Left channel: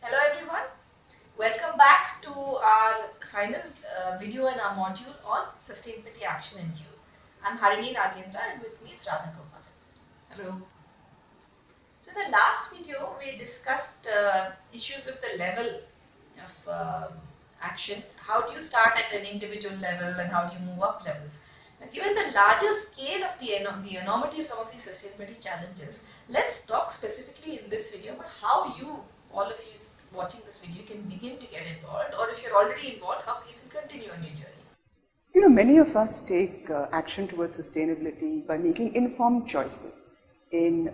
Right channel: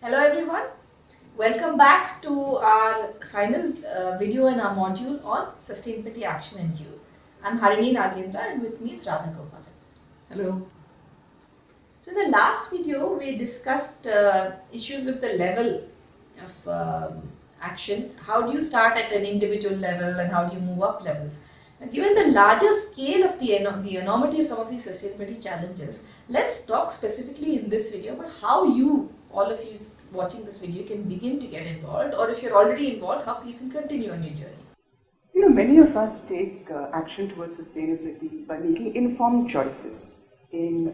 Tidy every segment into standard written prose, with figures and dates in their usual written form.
Hello everyone, welcome back to our final video in our module on sustainability action and you. I'm Harini Nagendra and with me is Radha Gopalan. Hello. So in the last video we discussed issues of the level of action. How do you start at an individual level and how do you move up levels? Now, given the larger scale of the enormity of some of these sustainability challenges, let's talk specifically in this video about how you, all of you watching this video, can begin to get involved, or if you're already involved, how you can continue on your journey. Many of us take action towards sustainability by making informed choices in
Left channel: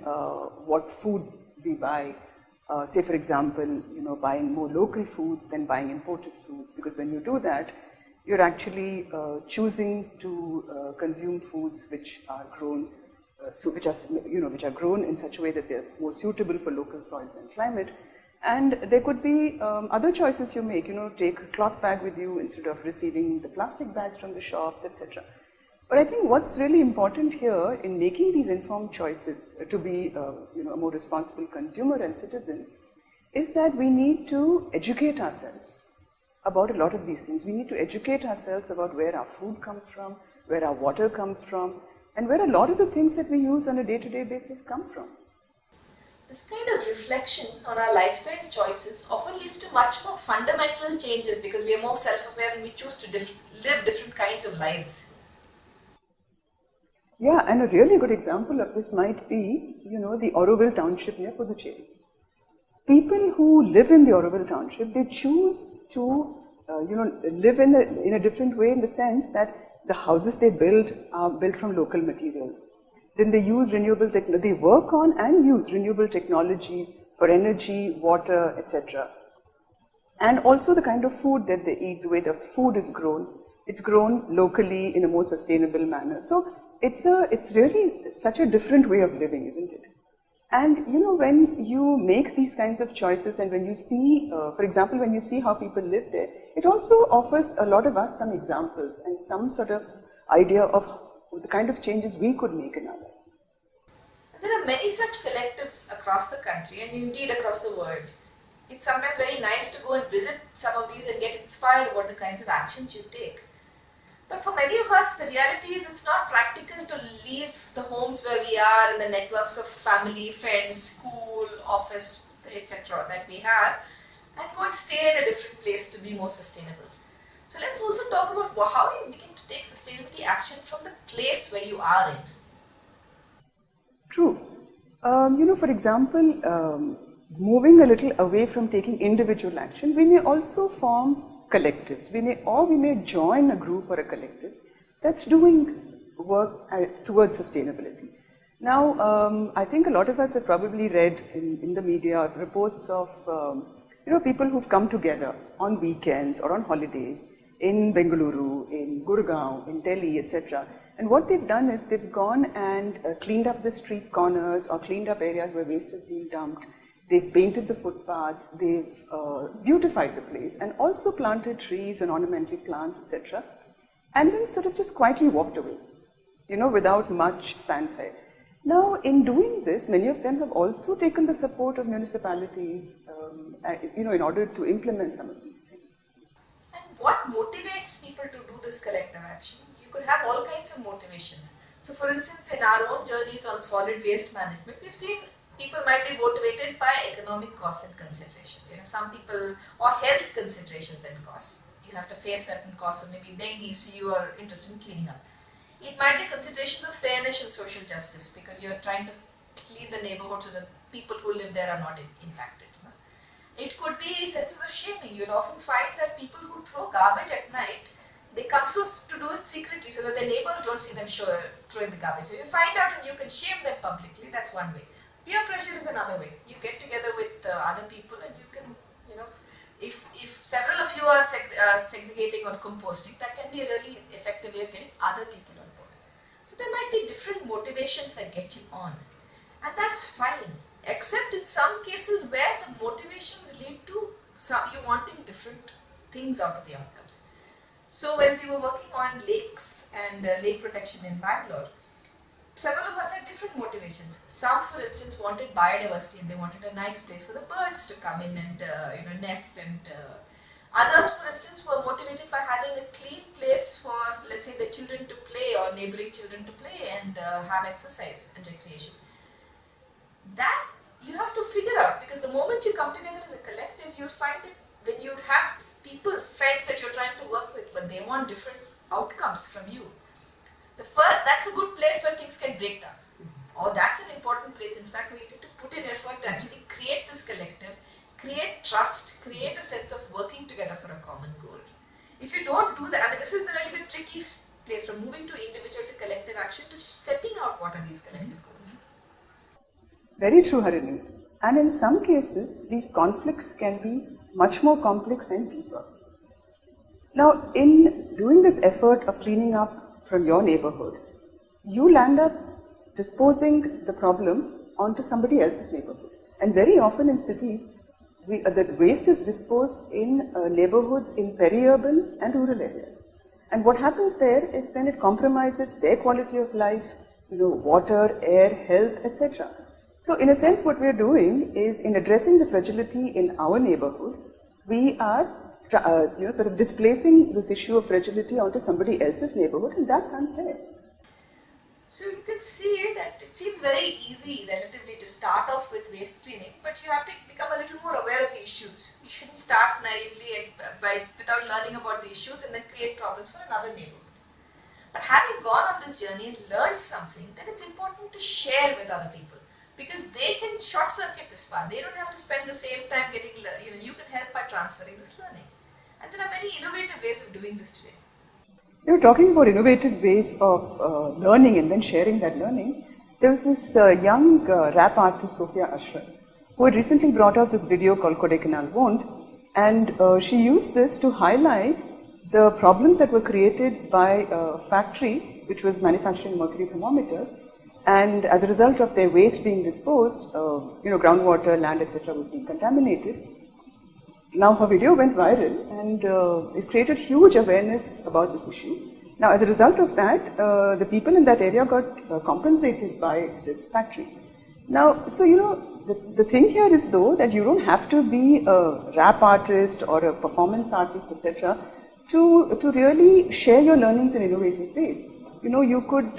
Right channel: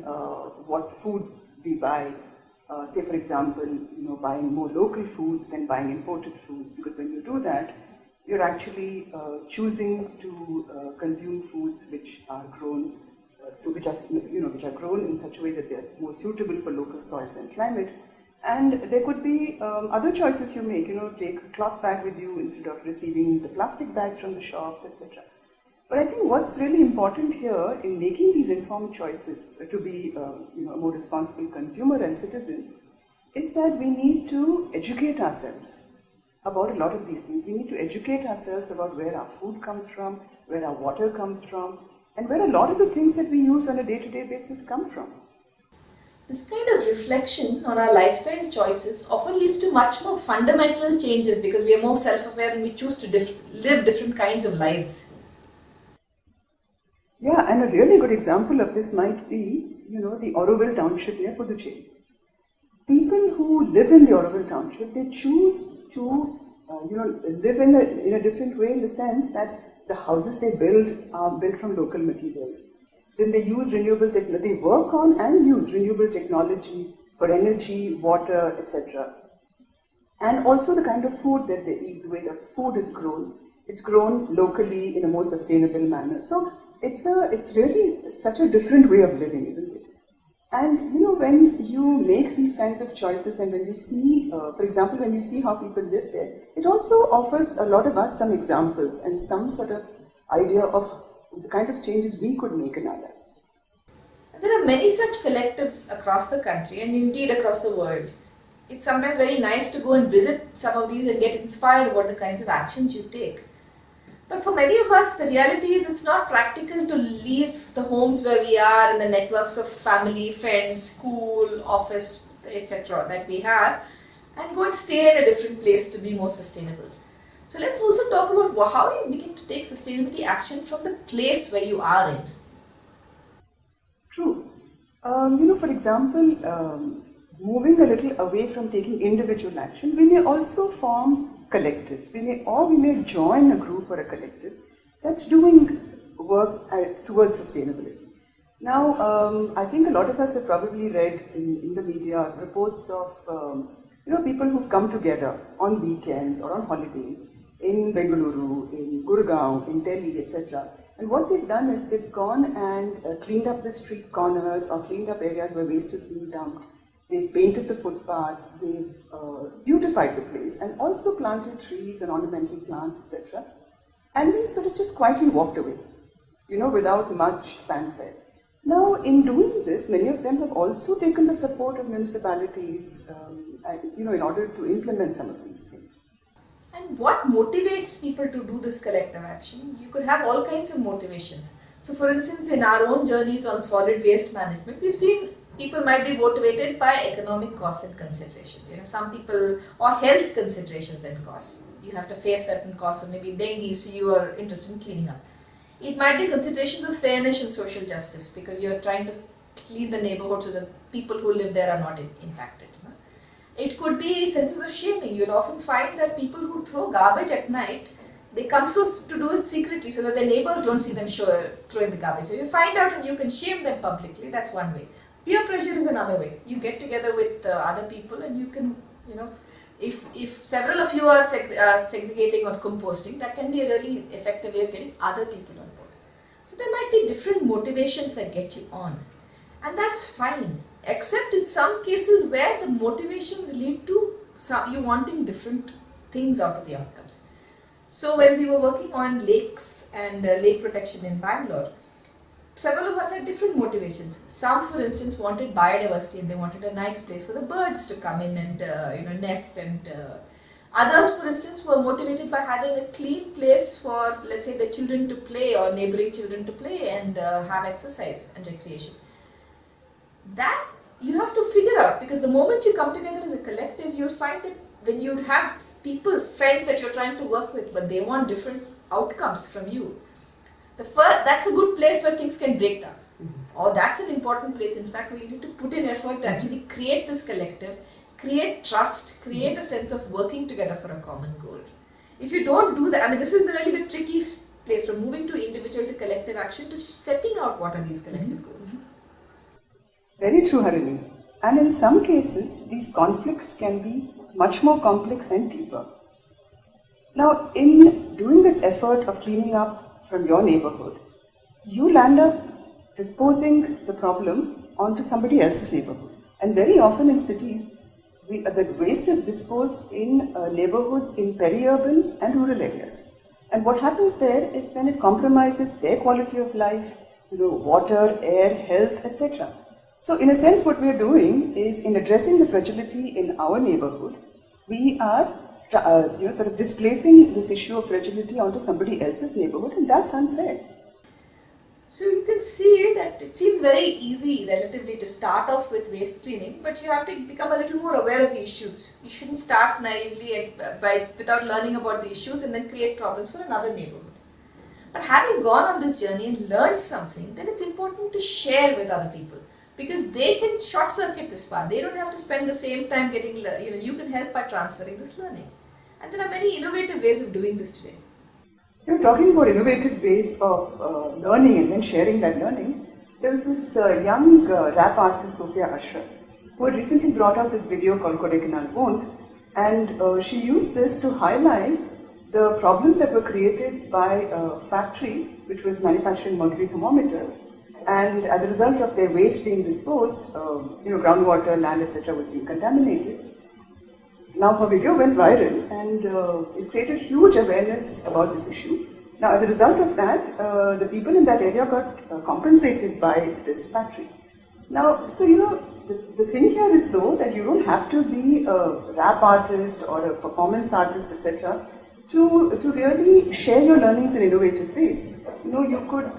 what food we buy. Say, for example, buying more local foods than buying imported foods, because when you do that, you're actually choosing to consume foods which are grown, which are grown in such a way that they're more suitable for local soils and climate. And there could be other choices you make, take a cloth bag with you instead of receiving the plastic bags from the shops, etc. But I think what's really important here in making these informed choices to be a more responsible consumer and citizen is that we need to educate ourselves about a lot of these things. We need to educate ourselves about where our food comes from, where our water comes from, and where a lot of the things that we use on a day-to-day basis come from. This kind of reflection on our lifestyle choices often leads to much more fundamental changes because we are more self-aware and we choose to live different kinds of lives. Yeah, and a really good example of this might be, the Oroville township near Puducherry. People who live in the Oroville township, they choose to, live in a different way in the sense that the houses they build are built from local materials. Then they use they work on and use renewable technologies for energy, water, etc. And also the kind of food that they eat, the way the food is grown, it's grown locally in a more sustainable manner. So it's really such a different way of living, isn't it? And when you make these kinds of choices and when you see, for example, when you see how people live there, it also offers a lot of us some examples and some sort of idea of the kind of changes we could make in our lives. There are many such collectives across the country and indeed across the world. It's sometimes very nice to go and visit some of these and get inspired about the kinds of actions you take. But for many of us, the reality is it's not practical to leave the homes where we are and the networks of family, friends, school, office, etc. that we have and go and stay in a different place to be more sustainable. So let's also talk about how you begin to take sustainability action from the place where you are in. True. For example, moving a little away from taking individual action, we may also form collectives. We may join a group or a collective that's doing work towards sustainability. Now, I think a lot of us have probably read in the media reports of people who've come together on weekends or on holidays in Bengaluru, in Gurgaon, in Delhi, etc. And what they've done is they've gone and cleaned up the street corners or cleaned up areas where waste is being dumped. They've painted the footpaths, they've beautified the place and also planted trees and ornamental plants, etc. And then sort of just quietly walked away, without much fanfare. Now, in doing this, many of them have also taken the support of municipalities, in order to implement some of these things. And what motivates people to do this collective action? You could have all kinds of motivations. So for instance, in our own journeys on solid waste management, we've seen people might be motivated by economic costs and considerations. Some people, or health considerations and costs. You have to face certain costs, or maybe dengue, so you are interested in cleaning up. It might be considerations of fairness and social justice because you're trying to clean the neighborhood so that people who live there are not impacted. It could be senses of shaming. You'll often find that people who throw garbage at night, they come to do it secretly so that their neighbors don't see them throwing the garbage. So you find out and you can shame them publicly. That's one way. Peer pressure is another way. You get together with other people and you can, if several of you are segregating or composting, that can be a really effective way of getting other people on board. So there might be different motivations that get you on. And that's fine. Except in some cases where the motivations lead to you wanting different things out of the outcomes. So when we were working on lakes and lake protection in Bangalore, several of us had different motivations. Some, for instance, wanted biodiversity and they wanted a nice place for the birds to come in and nest. And others, for instance, were motivated by having a clean place for, let's say, the children to play or neighboring children to play and have exercise and recreation. That you have to figure out, because the moment you come together as a collective, you'll find that when you have people, friends that you're trying to work with, but they want different outcomes from you, that's a good place where things can break down. Or that's an important place. In fact, we need to put in effort to actually create this collective, create trust, create a sense of working together for a common goal. If you don't do that, I mean, this is really the tricky place from moving to individual to collective action to setting out what are these collective goals. Very true, Harini. And in some cases, these conflicts can be much more complex and deeper. Now, in doing this effort of cleaning up from your neighborhood, you land up disposing the problem onto somebody else's neighborhood. And very often in cities, the waste is disposed in neighborhoods in peri-urban and rural areas. And what happens there is then it compromises their quality of life, water, air, health, etc. So in a sense, what we are doing is, in addressing the fragility in our neighborhood, we are sort of displacing this issue of fragility onto somebody else's neighborhood, and that's unfair. So you can see that it seems very easy relatively to start off with waste cleaning, but you have to become a little more aware of the issues. You shouldn't start naively without learning about the issues and then create problems for another neighborhood. But having gone on this journey and learned something, then it's important to share with other people, because they can short circuit this path. They don't have to spend the same time getting, you can help by transferring this learning. And there are many innovative ways of doing this today. You're talking about innovative ways of learning and then sharing that learning. There was this young rap artist, Sophia Ashraf, who had recently brought out this video called Kodaikanal Won't, and she used this to highlight the problems that were created by a factory which was manufacturing mercury thermometers, and as a result of their waste being disposed, groundwater, land, etc. was being contaminated. Now her video went viral and it created huge awareness about this issue. Now as a result of that, the people in that area got compensated by this factory. Now, so the thing here is though that you don't have to be a rap artist or a performance artist, etc. to really share your learnings in innovative ways. You could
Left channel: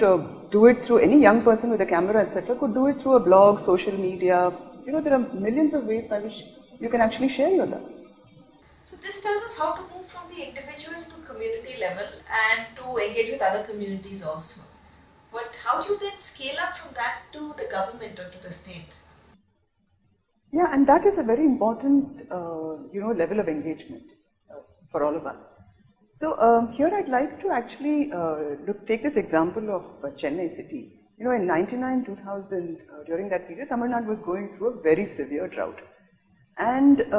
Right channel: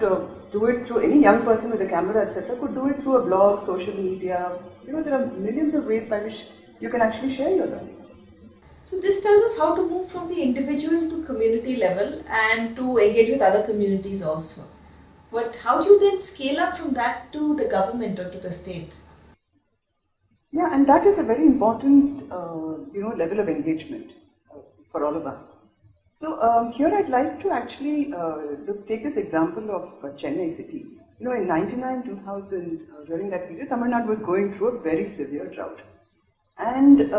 do it through any young person with a camera, etc. could do it through a blog, social media. There are millions of ways by which you can actually share your learnings. So this tells us how to move from the individual to community level and to engage with other communities also. But how do you then scale up from that to the government or to the state? Yeah, and that is a very important, level of engagement for all of us. So here I'd like to actually take this example of Chennai city. In 1999-2000, during that period, Tamil Nadu was going through a very severe drought. And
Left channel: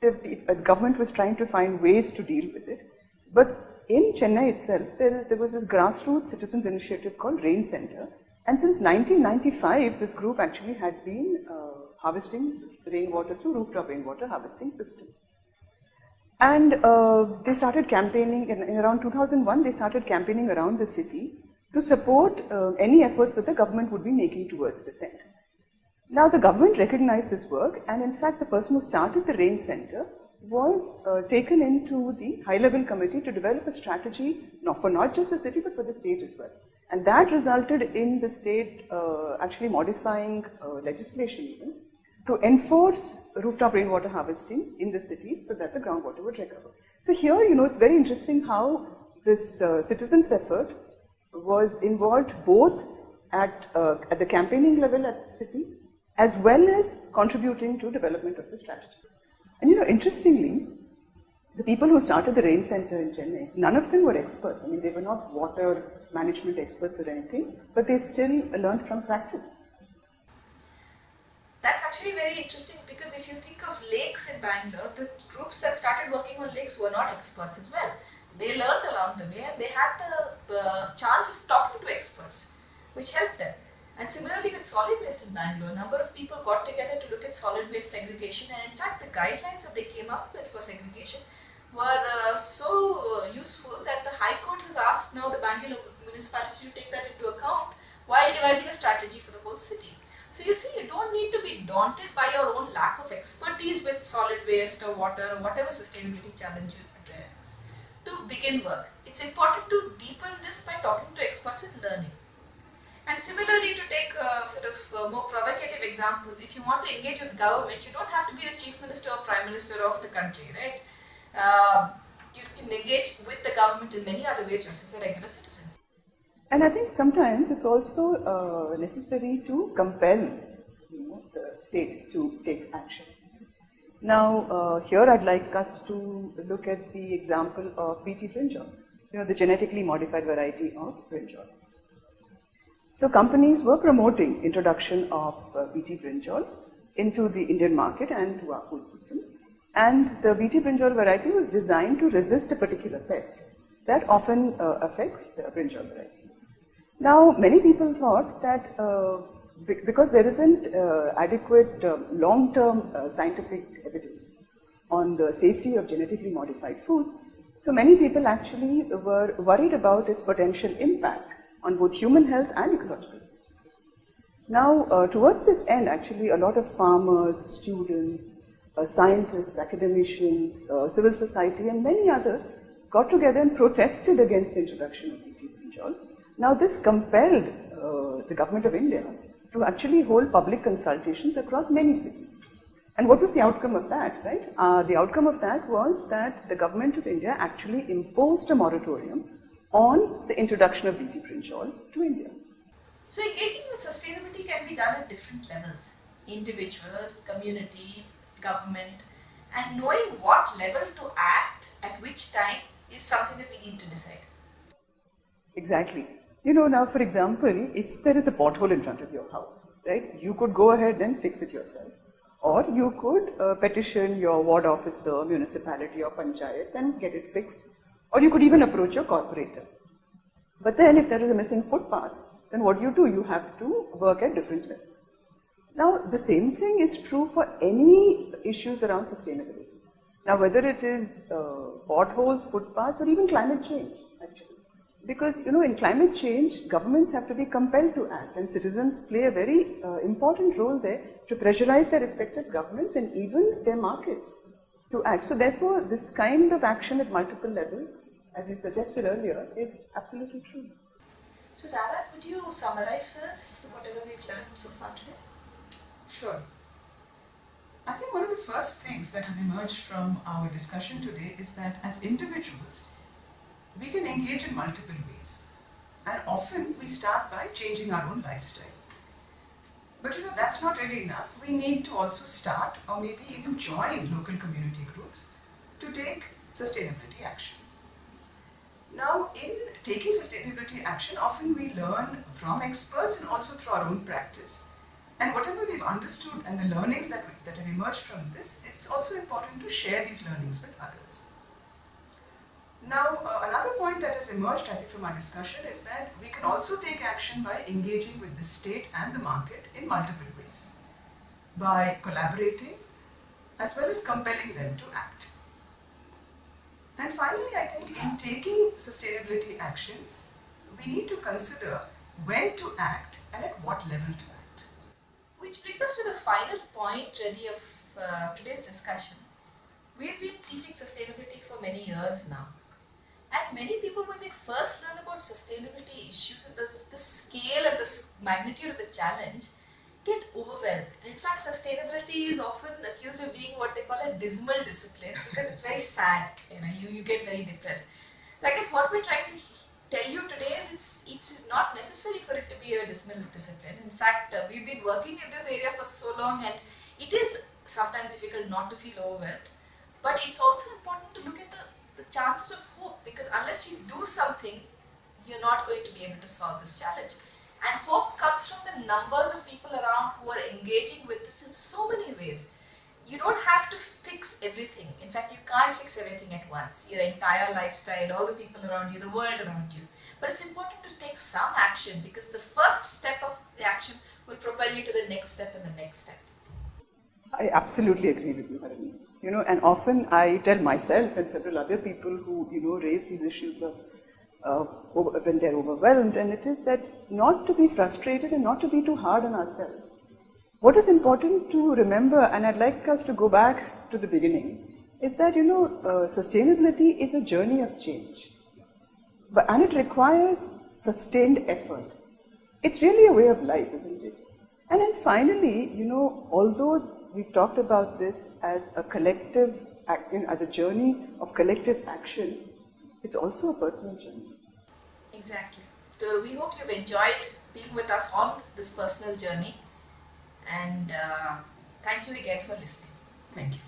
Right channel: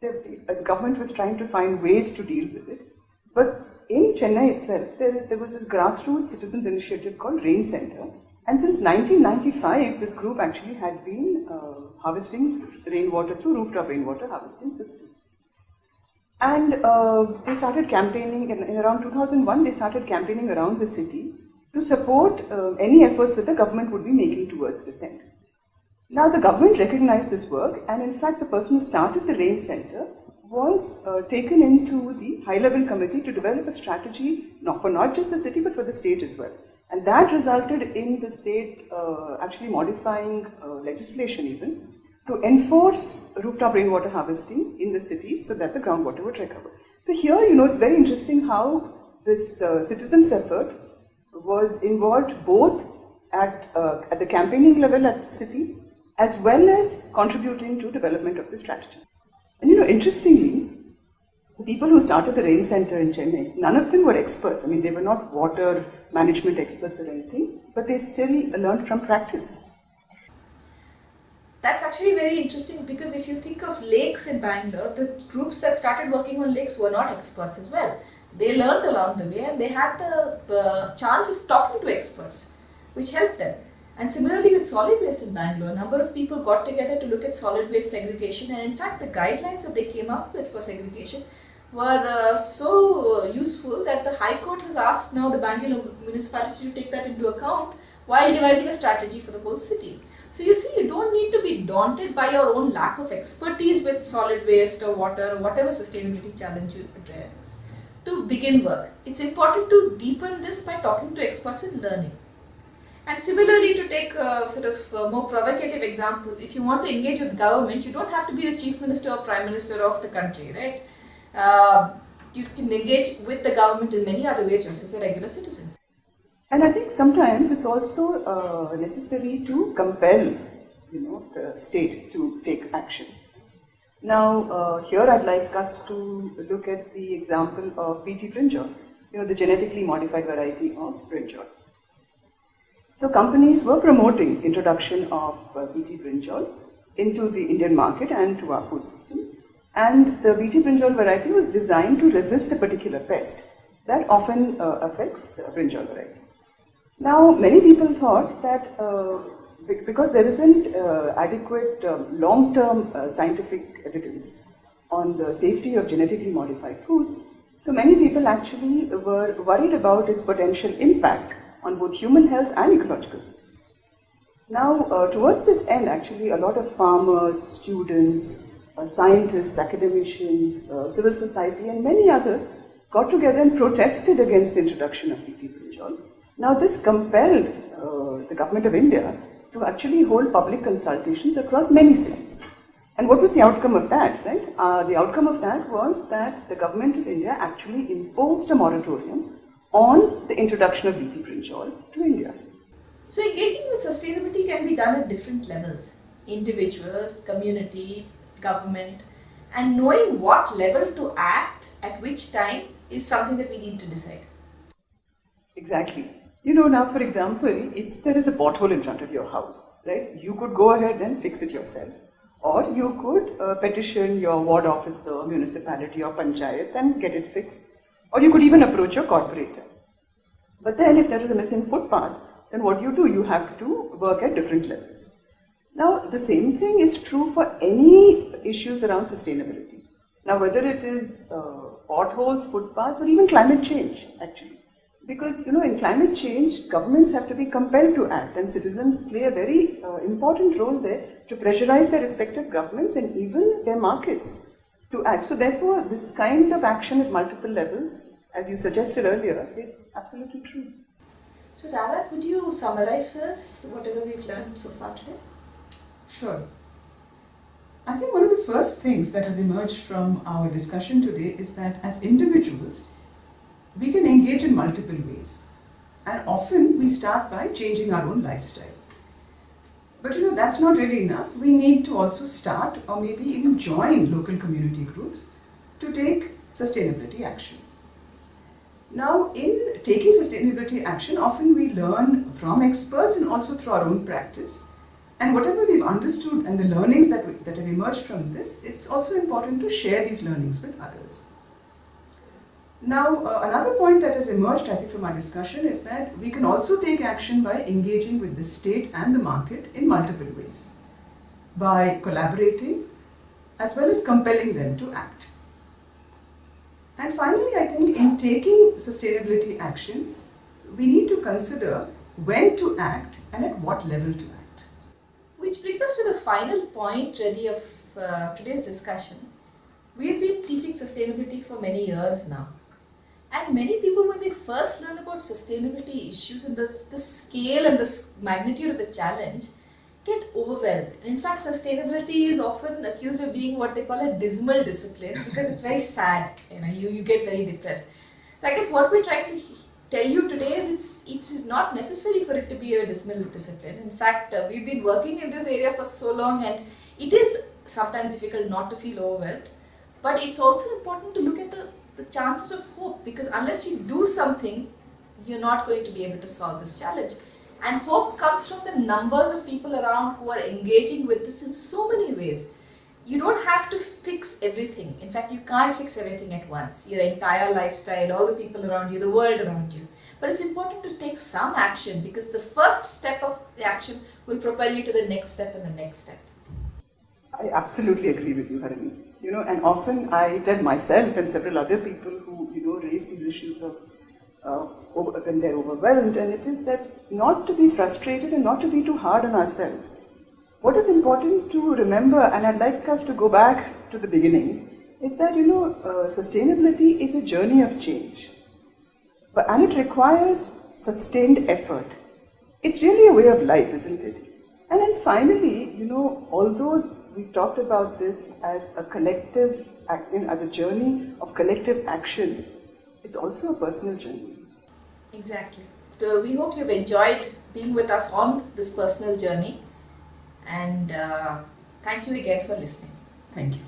the government was trying to find ways to deal with it. But in Chennai itself, there was this grassroots citizens initiative called Rain Center. And since 1995, this group actually had been harvesting rainwater through rooftop rainwater harvesting systems. And they started campaigning, in around 2001, they started campaigning around the city to support any efforts that the government would be making towards this end. Now the government recognized this work, and in fact the person who started the Rain Center was taken into the high-level committee to develop a strategy for not just the city but for the state as well. And that resulted in the state actually modifying legislation even to enforce rooftop rainwater harvesting in the cities so that the groundwater would recover. So here, it's very interesting how this citizens' effort was involved both at the campaigning level at the city as well as contributing to development of the strategy. And interestingly, the people who started the Rain Center in Chennai, none of them were experts. I mean, they were not water management experts or anything, but they still learned from practice. That's actually very interesting, because if you think of lakes in Bangalore, the groups that started working on lakes were not experts as well. They learned along the way and they had the chance of talking to experts, which helped them. And similarly with solid waste in Bangalore, a number of people got together to look at solid waste segregation, and in fact the guidelines that they came up with for segregation were so useful that the High Court has asked now the Bangalore municipality to take that into account while devising a strategy for the whole city. So you see, you don't need to be daunted by your own lack of expertise with solid waste or water or whatever sustainability challenge you address to begin work. It's important to deepen this by talking to experts and learning. And similarly, to take a sort of more provocative example, if you want to engage with government, you don't have to be the chief minister or prime minister of the country, right? You can engage with the government in many other ways just as a regular citizen. And I think sometimes it's also necessary to compel, the state to take action. Now, here I'd like us to look at the example of BT brinjal, the genetically modified variety of brinjal. So companies were promoting introduction of BT brinjal into the Indian market and to our food systems. And the BT brinjal variety was designed to resist a particular pest that often affects brinjal varieties. Now, many people thought that because there isn't adequate long-term scientific evidence on the safety of genetically modified foods, so many people actually were worried about its potential impact on both human health and ecological systems. Now, towards this end, actually, a lot of farmers, students, scientists, academicians, civil society, and many others got together and protested against the introduction of BT brinjal. Now, this compelled the government of India to actually hold public consultations across many cities. And what was the outcome of that, right? The outcome of that was that the government of India actually imposed a moratorium on the introduction of BT brinjal to India. So engaging with sustainability can be done at different levels: individual, community, government, and knowing what level to act at which time is something that we need to decide. Exactly. Now for example, if there is a pothole in front of your house, right, you could go ahead and fix it yourself. Or you could petition your ward officer, municipality or panchayat and get it fixed. Or you could even approach your corporator. But then if there is a missing footpath, then what do? You have to work at different levels. Now, the same thing is true for any issues around sustainability. Now, whether it is potholes, footpaths, or even climate change, actually. Because, in climate change, governments have to be compelled to act, and citizens play a very important role there to pressurize their respective governments and even their markets to act. So, therefore, this kind of action at multiple levels, as you suggested earlier, is absolutely true. So, Radha, could you summarize for us whatever we've learned so far today? Sure. I think one of the first things that has emerged from our discussion today is that as individuals, we can engage in multiple ways. And often we start by changing our own lifestyle. But that's not really enough. We need to also start or maybe even join local community groups to take sustainability action. Now, in taking sustainability action, often we learn from experts and also through our own practice. And whatever we've understood and the learnings that have emerged from this, it's also important to share these learnings with others. Now, another point that has emerged, I think, from our discussion is that we can also take action by engaging with the state and the market in multiple ways, by collaborating as well as compelling them to act. And finally, I think in taking sustainability action, we need to consider when to act and at what level to act. Which brings us to the final point really of today's discussion. We've been teaching sustainability for many years now. And many people, when they first learn about sustainability issues and the scale and the magnitude of the challenge, get overwhelmed. In fact, sustainability is often accused of being what they call a dismal discipline because it's very sad. You get very depressed. So I guess what we're trying to tell you today is it is not necessary for it to be a dismal discipline. In fact, we've been working in this area for so long, and it is sometimes difficult not to feel overwhelmed. But it's also important to look at the chances of hope, because unless you do something, you're not going to be able to solve this challenge. And hope comes from the numbers of people around who are engaging with this in so many ways. You don't have to fix everything. In fact, you can't fix everything at once. Your entire lifestyle, all the people around you, the world around you. But it's important to take some action, because the first step of the action will propel you to the next step and the next step. I absolutely agree with you, Harini. And often I tell myself and several other people who, raise these issues of when they're overwhelmed, and it is that not to be frustrated and not to be too hard on ourselves. What is important to remember, and I'd like us to go back to the beginning, is that, sustainability is a journey of change. And it requires sustained effort. It's really a way of life, isn't it? And then finally, although we've talked about this as a collective, as a journey of collective action, it's also a personal journey. Exactly. So we hope you've enjoyed being with us on this personal journey, and thank you again for listening. Thank you.